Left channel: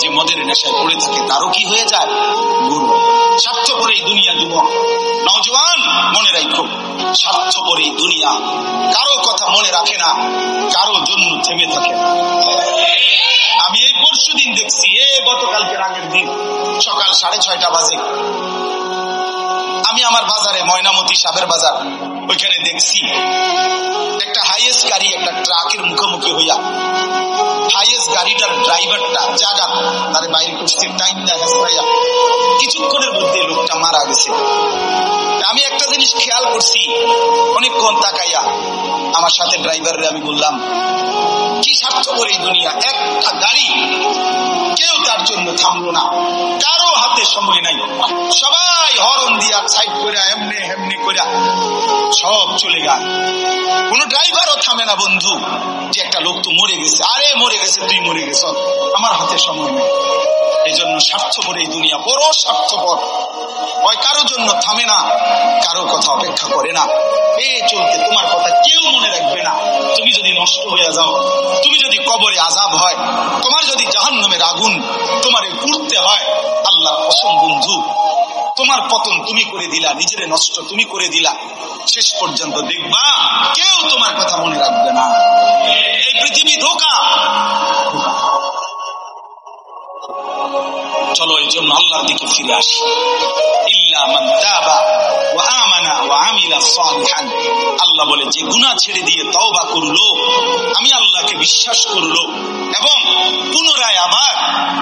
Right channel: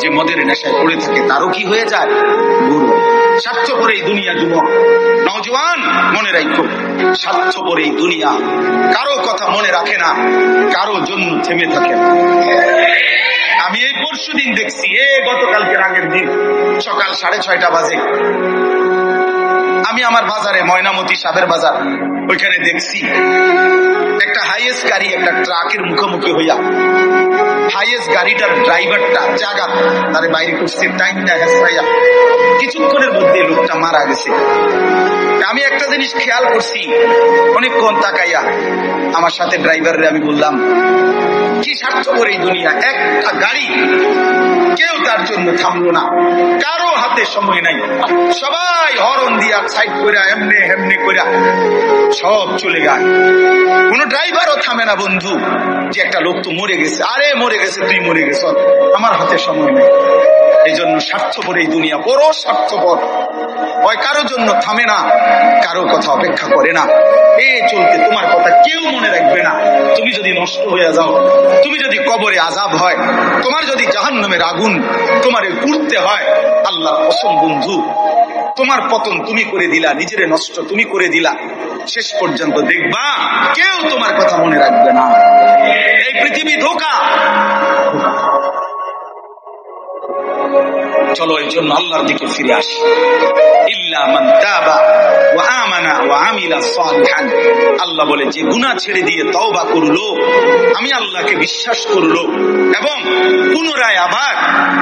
যে মদের নেশায় পড়ে থাকে তারও কি হয়ে যায়? গরু। স্বার্থপর এই দুনিয়া যুবক নওজোয়ান মনে রাখো, স্বার্থপর এই দুনিয়া কারো কথা মনে রাখে না, কারো জন্য থেমে থাকে। আমি এই পরশুদিন দেখছি, গতকালকে আগের দিন সকাল 6:30 বাজে আমি আমার বাজারে, ময়নামতি সাবের বাজার, ওইখানে দেখছি একটা হাইয়েস্ট গাড়ি একটা ট্রাকের মুখোমুখি হইয়া, হাইয়েস্ট গাড়িটার ড্রাইভারটা জায়গা তারে বাইরে করছে, টাইম না হেসপাইয়া কিছুক্ষণের মধ্যে লোকটা মারা গেছে। আমি একটা জিনিস খেয়াল করছি, অনেকক্ষণ তাকাইয়া আমার সাথে ড্রাইভারের আমি বললাম, কি স্বার্থপর এই দুনিয়া, একটা গাড়ি কেউ তার জন্য থামলো না, কারো হাতে সময় নাই, সবাই হরন দিয়া সাইড করে এমনে এমনে করে সব চলে যায়, কোন ড্রাইভারও থামে না বন্ধু, যে একটা লোক তো মরে গেছে, আরে মরে গেছে, তুই মরে গেছ, আমার হাতে সময় নেই। এই জন্য স্বার্থপর এই দুনিয়া, বড় স্বার্থপর, ওই কারো জন্য থামে না, কারো কথা অপেক্ষা করে না। চলতে তোমার কথা কেউ মনে রাখবে না। তুমি যদি নষ্ট হয়ে যাও, তুমি যদি কবরে আযাব হয়, তোমার যদি জাহান্নামের আগুন তোমারে পুড়তে হয়, আল্লাহর কসম বন্ধু, তোমার পতন তুমি করে দিলা, নিজের নষ্ট তুমি করে দিলা, শেষ পর্যন্ত দেখবা কেউ তোমার কথা মনে রাখবে না। এই পৃথিবী ধোঁকা। চলো এই জন্য আল্লাহর দিকে ফিরে আসি। ইল্লা মান তাবা ওয়া আমানা ওয়া আমিলা সালিহান, আল্লাহ বলে যে গুনাহ ছেড়ে দিয়ে তওবা করলো, আমি আল্লাহকে বিশ্বাস করলো এবং পুনরায় আবার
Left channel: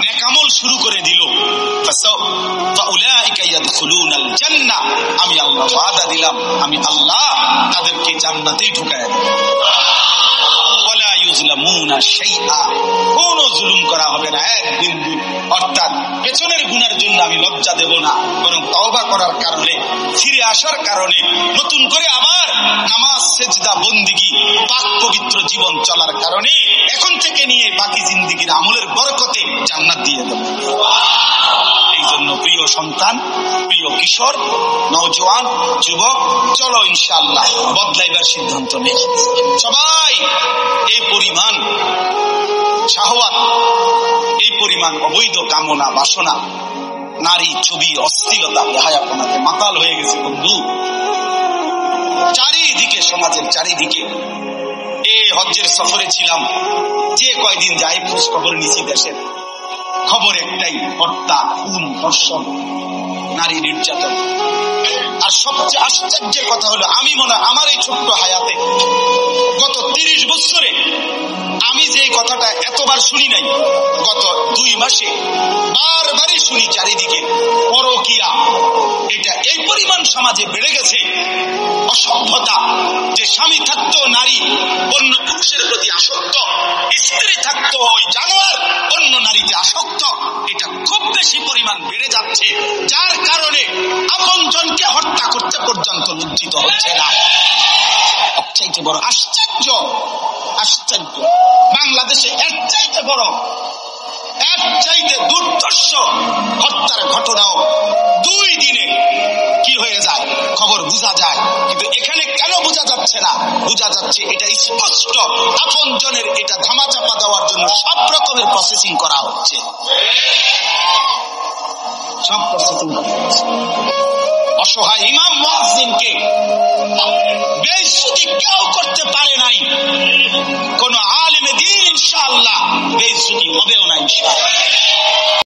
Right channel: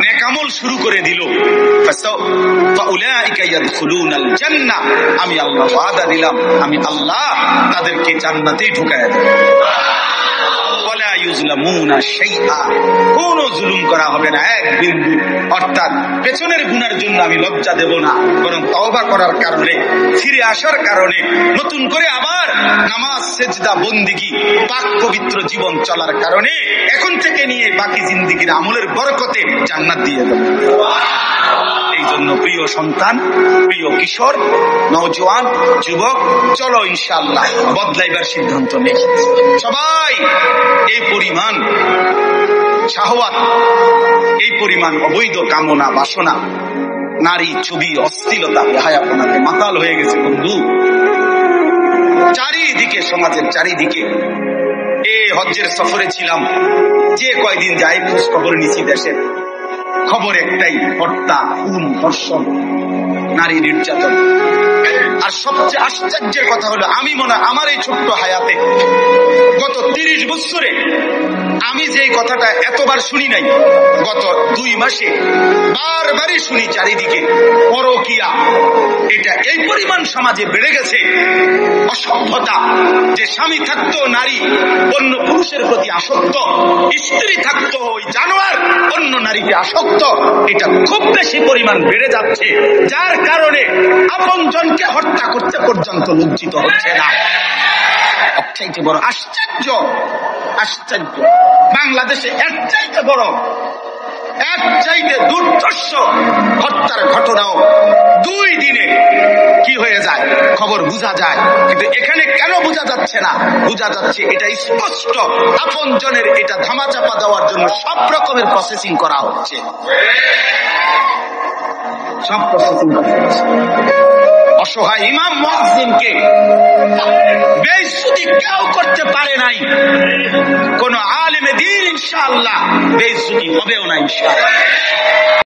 নেক আমল শুরু করে দিল, ফাউলাইকা ইয়াদখুলুনাল জান্নাহ, আমি আল্লাহ ওয়াদা দিলাম, আমি আল্লাহ তাদেরকে জান্নাতেই ঢুকায়া দেব। ওয়ালা ইউজলামুনা শাইআ, কোন জুলুম করা হবে না এক বিন্দু। অর্থাৎ পেছনের গুনার জন্য আমি লজ্জা দেব না, বরং তওবা করার কারণে, ফিরে আসার কারণে, নতুন করে আবার নামাজ সেজদা বন্দিগি পাক পবিত্র জীবন চলার কারণে এখন থেকে নিয়ে বাকি জিন্দেগির আমলের বরকতে জান্নাত দিয়ে দেব। এই জন্য প্রিয় সন্তান, প্রিয় কিশোর, নওজোয়ান, যুবক, চলো ইনশাআল্লাহ বদলাইবার সিদ্ধান্ত নেই। সবাই এই পরিমাণ শাহওয়াত, এই পরিমাণ অবৈধ কামনা বাসনা, নারী ছবি, অশ্লীলতা, বেহায়াপনাতে মাতাল হয়ে গেছে বন্ধু চারিদিকে, সমাজের চারিদিকে। হজ্জের সফরে ছিলাম, যে কয়দিন যাই খোঁজ খবর নিছি, দেশের খবর একটাই, হত্যা, খুন, ধর্ষণ, নারী নির্যাতন। আর সবচেয়ে আশ্চর্যের কথা হলো, আমি মনে আমার এই ছোট্ট হায়াতে গত 30 বছরে আমি যে কথাটা এতবার শুনি নাই, গত 2 মাসে বারবারই শুনি চারিদিকে পরকিয়া। এটা এই পরিমাণ সমাজে বেড়ে গেছে, অসভ্যতা, যে স্বামী থাকতো নারী অন্য পুরুষের প্রতি আসক্ত, স্ত্রী থাকতো ওই জানোয়ার অন্য নারীতে আসক্ত, এটা খুব বেশি পরিমাণ বেড়ে যাচ্ছে, যার কারণে আপনজনকে হত্যা করতে পর্যন্ত লজ্জিত হচ্ছে না। সবচাইতে বড় আশ্চর্য, আশ্চর্য, বাংলাদেশে এর চাইতে বড়, এর চাইতে দুর্ধর্ষ হত্যার ঘটনাও 2 দিনে কি হয়ে যায় খবর বোঝা যায়, কিন্তু এখানে কেন বোঝা যাচ্ছে না? বোঝা যাচ্ছে এটা স্পষ্ট, আপনজনের এটা ধামাচাপা দেওয়ার জন্য সব রকমের প্রসেসিং করা হচ্ছে, সব প্রসেসিং করা হচ্ছে। অসহায় ইমাম মুয়াজ্জিনকে বেইজ্জতি কেউ করতে পারে নাই, কোন আলেমে দ্বীন ইনশাআল্লাহ বেইজ্জতি হবেও না ইনশাআল্লাহ।